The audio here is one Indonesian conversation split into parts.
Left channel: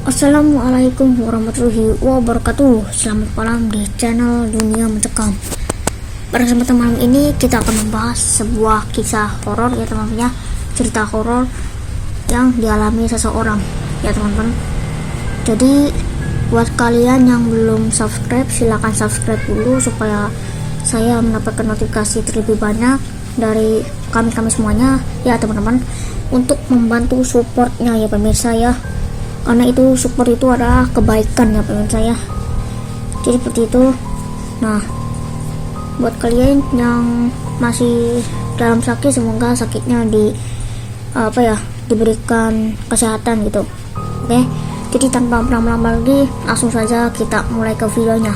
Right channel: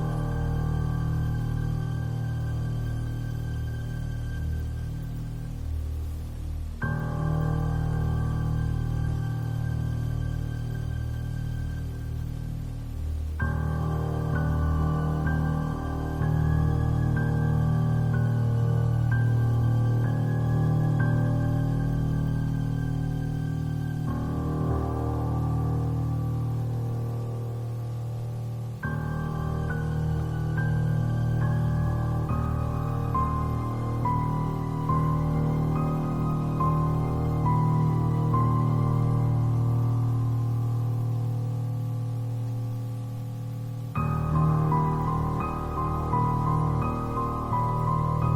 Assalamualaikum warahmatullahi wabarakatuh. Selamat malam di channel Dunia Mencekam. Pada kesempatan malam ini kita akan membahas sebuah kisah horor ya teman-teman ya. Cerita horor yang dialami seseorang ya teman-teman. Jadi buat kalian yang belum subscribe, silahkan subscribe dulu supaya saya mendapatkan notifikasi terlebih banyak dari kami semuanya ya teman-teman, untuk membantu supportnya ya pemirsa ya, karena itu support itu adalah kebaikan ya pemirsa ya. Jadi seperti itu. Nah, buat kalian yang masih dalam sakit, semoga sakitnya diberikan kesehatan gitu. Oke, jadi tanpa berlama-lama lagi, langsung saja kita mulai ke videonya.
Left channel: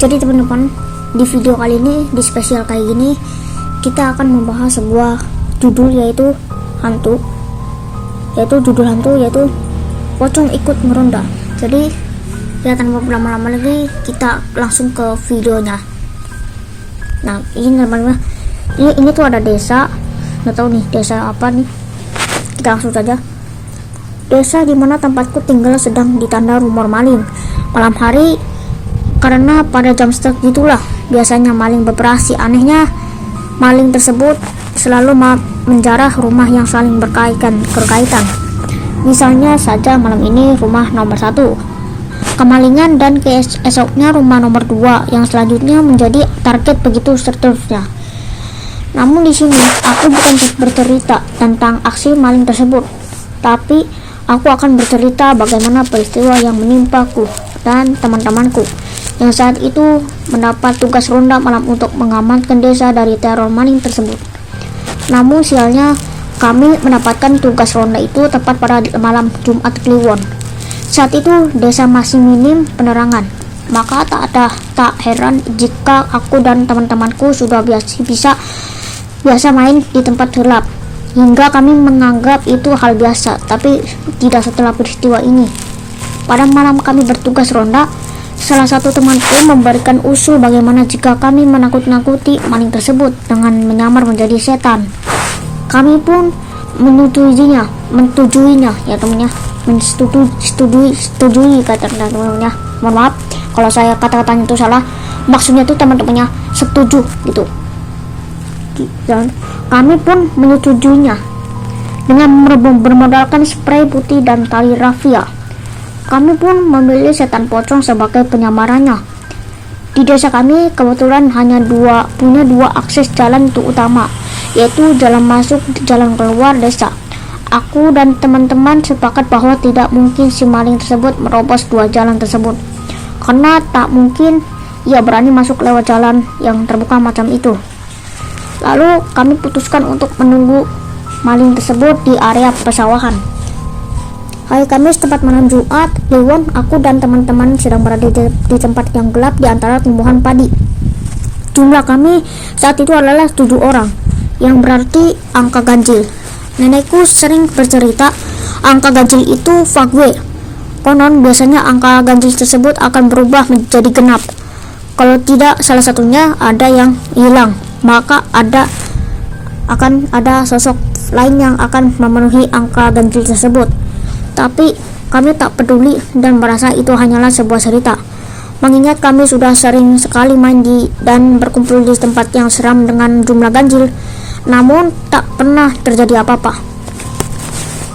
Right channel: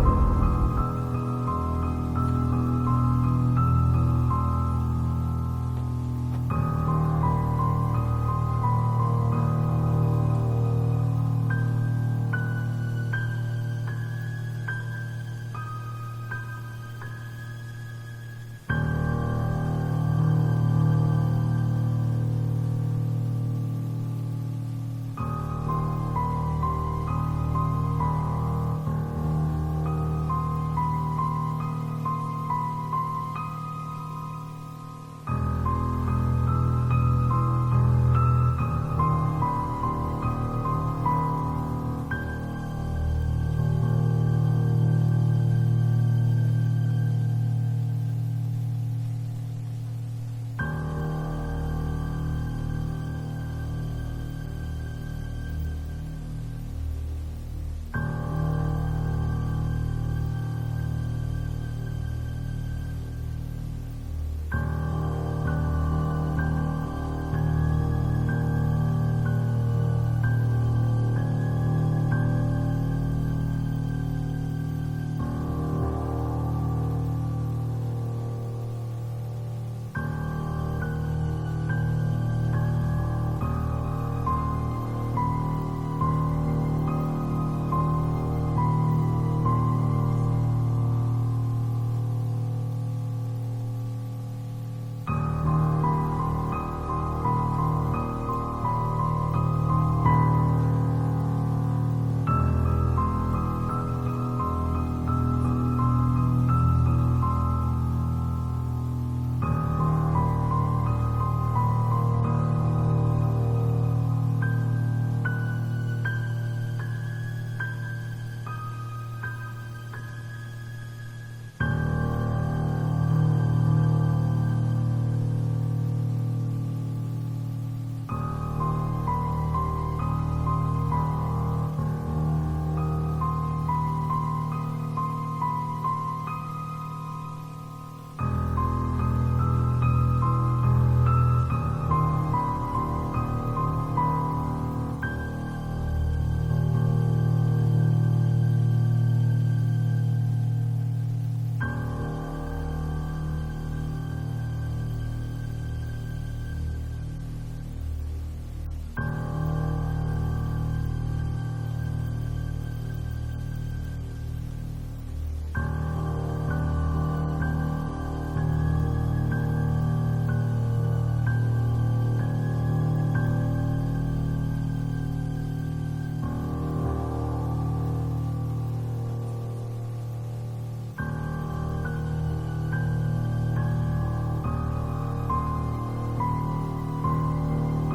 Jadi teman-teman, di video kali ini, di spesial kayak gini, kita akan membahas sebuah judul yaitu judul hantu yaitu pocong ikut meronda. Jadi ya tanpa berlama-lama lagi, kita langsung ke videonya. Nah ini teman-teman, ini tuh ada desa, nggak tahu nih desa apa nih, kita langsung saja. Desa dimana tempatku tinggal sedang ditanda rumor maling malam hari, karena pada jam segitulah biasanya maling beroperasi. Anehnya maling tersebut selalu menjarah rumah yang saling berkaitan. Misalnya saja malam ini rumah nomor 1 kemalingan, dan keesoknya rumah nomor 2, yang selanjutnya menjadi target, begitu seterusnya. Namun di sini aku bukan bercerita tentang aksi maling tersebut, tapi aku akan bercerita bagaimana peristiwa yang menimpaku dan teman-temanku yang saat itu mendapat tugas ronda malam untuk mengamankan desa dari teror maling tersebut. Namun sialnya, kami mendapatkan tugas ronda itu tepat pada malam Jumat Kliwon. Saat itu desa masih minim penerangan, maka tak heran jika aku dan teman-temanku sudah biasa main di tempat gelap, hingga kami menganggap itu hal biasa. Tapi tidak setelah peristiwa ini. Pada malam kami bertugas ronda, salah satu temanku memberikan usul bagaimana jika kami menakut-nakuti maling tersebut dengan menyamar menjadi setan. Kami pun menyetujuinya ya temannya, setujui kata temannya. Mohon maaf kalau saya kata-katanya itu salah, maksudnya itu teman-temannya setuju gitu. Dan kami pun menyetujuinya dengan bermodalkan spray putih dan tali rafia. Kami pun memilih setan pocong sebagai penyamarannya. Di desa kami kebetulan hanya punya dua akses jalan untuk utama, yaitu jalan masuk dan jalan keluar desa. Aku dan teman-teman sepakat bahwa tidak mungkin si maling tersebut merobos dua jalan tersebut, karena tak mungkin ia berani masuk lewat jalan yang terbuka macam itu. Lalu kami putuskan untuk menunggu maling tersebut di area persawahan. Hari Kamis tepat malam Jumat Kliwon, aku dan teman-teman sedang berada di tempat yang gelap di antara tumbuhan padi. Jumlah kami saat itu adalah 7 orang, yang berarti angka ganjil. Nenekku sering bercerita angka ganjil itu fagwe. Konon biasanya angka ganjil tersebut akan berubah menjadi genap. Kalau tidak salah satunya ada yang hilang, maka akan ada sosok lain yang akan memenuhi angka ganjil tersebut. Tapi kami tak peduli dan merasa itu hanyalah sebuah cerita, mengingat kami sudah sering sekali main dan berkumpul di tempat yang seram dengan jumlah ganjil, namun tak pernah terjadi apa-apa.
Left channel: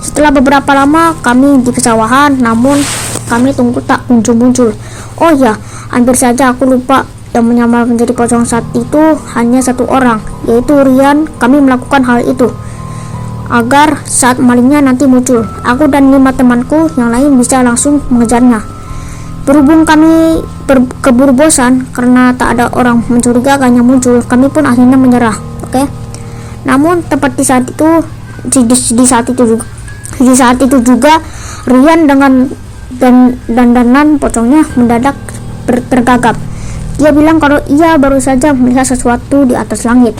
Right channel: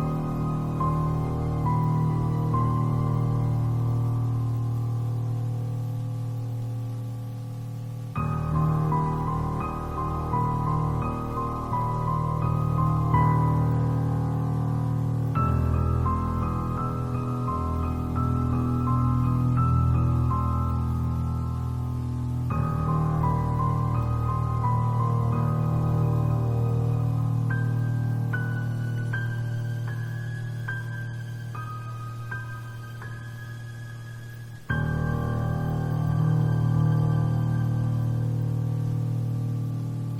Setelah beberapa lama kami di pesawahan, namun kami tunggu tak kunjung muncul. Oh ya, hampir saja aku lupa, yang menyamar menjadi pocong saat itu hanya 1 orang, yaitu Rian. Kami melakukan hal itu agar saat malingnya nanti muncul, aku dan 5 temanku yang lain bisa langsung mengejarnya. Berhubung kami keburu bosan karena tak ada orang mencurigakan yang muncul, kami pun akhirnya menyerah. Oke. Namun tepat di saat itu juga Rian dengan dandanan pocongnya mendadak tergagap. Dia bilang kalau ia baru saja melihat sesuatu di atas langit.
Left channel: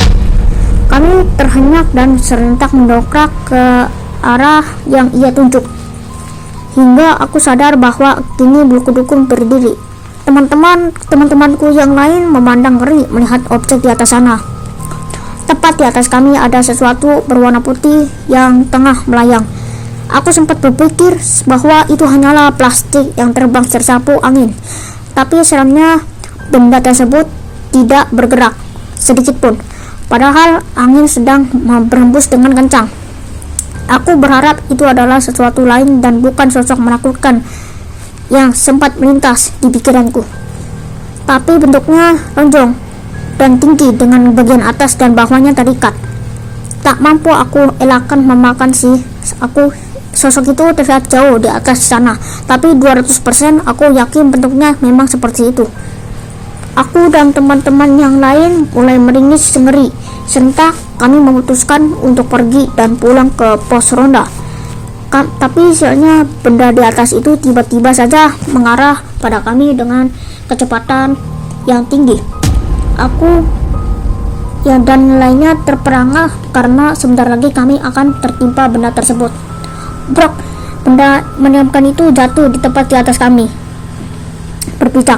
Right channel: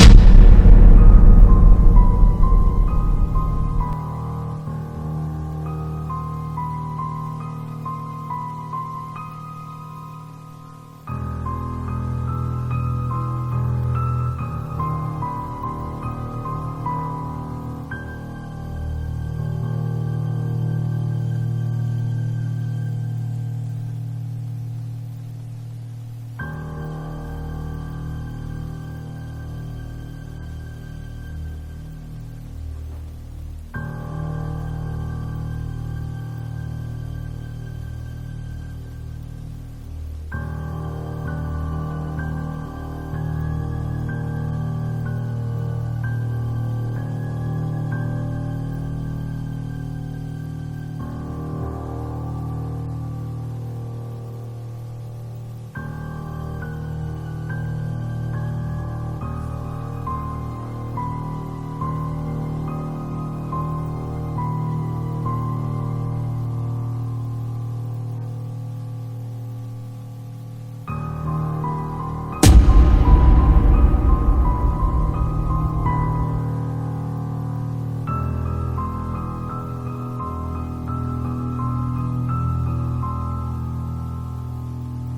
Kami terhenyak dan serentak mendongkrak ke arah yang ia tunjuk, hingga aku sadar bahwa kini bulu kuduku berdiri. Teman-temanku yang lain memandang ngeri melihat objek di atas sana. Tepat di atas kami ada sesuatu berwarna putih yang tengah melayang. Aku sempat berpikir bahwa itu hanyalah plastik yang terbang tersapu angin, tapi sebenarnya benda tersebut tidak bergerak sedikit pun, padahal angin sedang berhembus dengan kencang. Aku berharap itu adalah sesuatu lain dan bukan sosok menakutkan yang sempat melintas di pikiranku. Tapi bentuknya lonjong dan tinggi dengan bagian atas dan bawahnya terikat. Tak mampu aku elakkan memakan sosok itu terlihat jauh di atas sana, tapi 200% aku yakin bentuknya memang seperti itu. Aku dan teman-teman yang lain mulai meringis ngeri. Serentak kami memutuskan untuk pergi dan pulang ke pos ronda. Tapi sialnya benda di atas itu tiba-tiba saja mengarah pada kami dengan kecepatan yang tinggi. Aku dan lainnya terperangah karena sebentar lagi kami akan tertimpa benda tersebut. Brok, benda menyeramkan itu jatuh di tepat di atas kami, berpijak.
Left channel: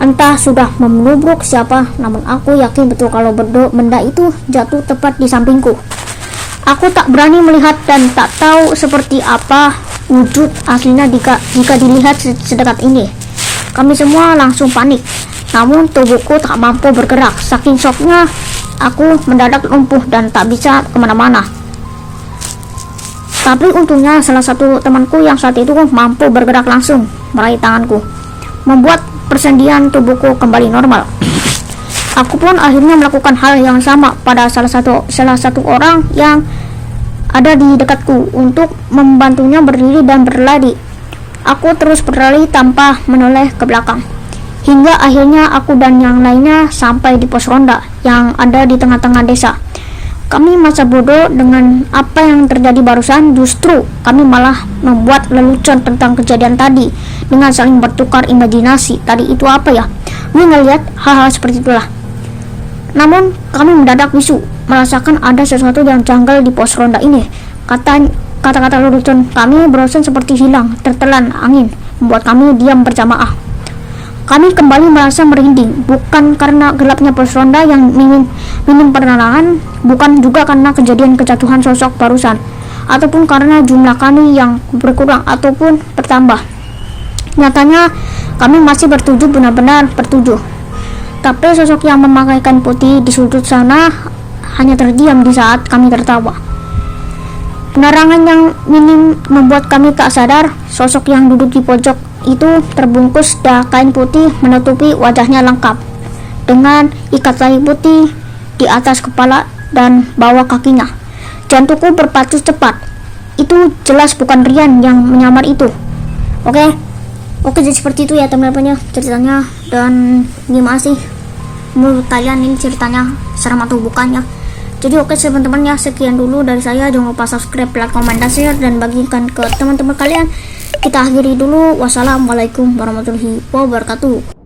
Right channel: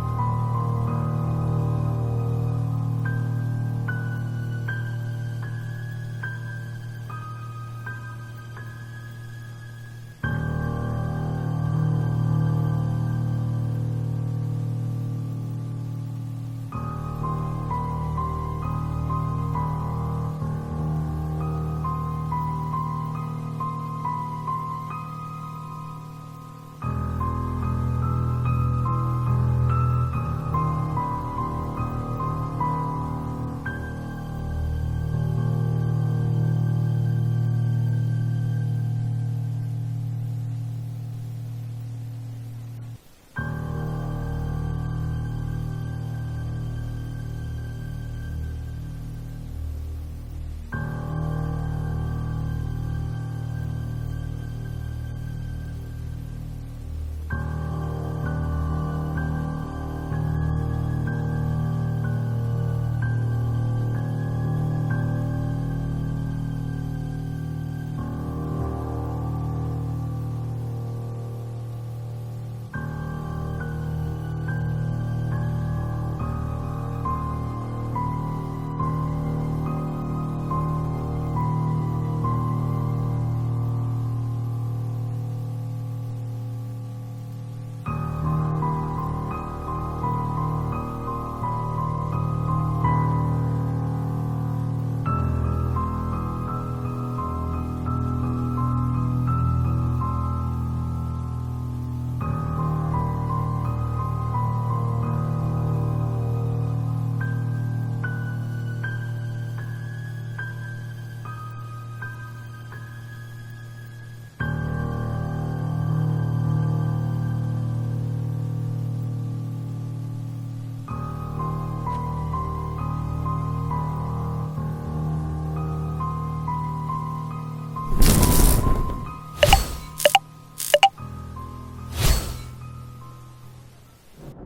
Entah sudah menubruk siapa, namun aku yakin betul kalau benda itu jatuh tepat di sampingku. Aku tak berani melihat dan tak tahu seperti apa wujud aslinya jika dilihat sedekat ini. Kami semua langsung panik, namun tubuhku tak mampu bergerak. Saking shocknya, aku mendadak lumpuh dan tak bisa kemana-mana. Tapi untungnya salah satu temanku yang saat itu mampu bergerak langsung meraih tanganku, membuat persendian tubuhku kembali normal. Aku pun akhirnya melakukan hal yang sama pada salah satu orang yang ada di dekatku untuk membantunya berdiri dan berlari. Aku terus berlari tanpa menoleh ke belakang, hingga akhirnya aku dan yang lainnya sampai di pos ronda yang ada di tengah-tengah desa. Kami masa bodoh dengan apa yang terjadi barusan. Justru kami malah membuat lelucon tentang kejadian tadi dengan saling bertukar imajinasi. Tadi itu apa ya? Gue ngeliat hal-hal seperti itulah. Namun kami mendadak bisu, merasakan ada sesuatu yang janggal di pos ronda ini. Kata-kata lelucon kami barusan seperti hilang tertelan angin, membuat kami diam berjamaah. Kami kembali merasa merinding, bukan karena gelapnya pos ronda yang minim penerangan, bukan juga karena kejadian kejatuhan sosok barusan, ataupun karena jumlah kami yang berkurang ataupun bertambah. Nyatanya kami masih bertujuh, benar-benar bertujuh. Tapi sosok yang memakai kain putih di sudut sana hanya terdiam di saat kami tertawa. Penerangan yang minim membuat kami tak sadar sosok yang duduk di pojok itu terbungkus kain putih menutupi wajahnya lengkap dengan ikat tali putih di atas kepala dan bawah kakinya. Jantungku berpacu cepat. Itu jelas bukan Rian yang menyamar itu. Oke, jadi seperti itu ya teman-teman ya ceritanya. Dan gimana sih menurut kalian ini ceritanya, seram atau bukan ya? Jadi teman-teman ya, sekian dulu dari saya. Jangan lupa subscribe, like, komen, dan share, dan bagikan ke teman-teman kalian. Kita akhiri dulu. Wassalamualaikum warahmatullahi wabarakatuh.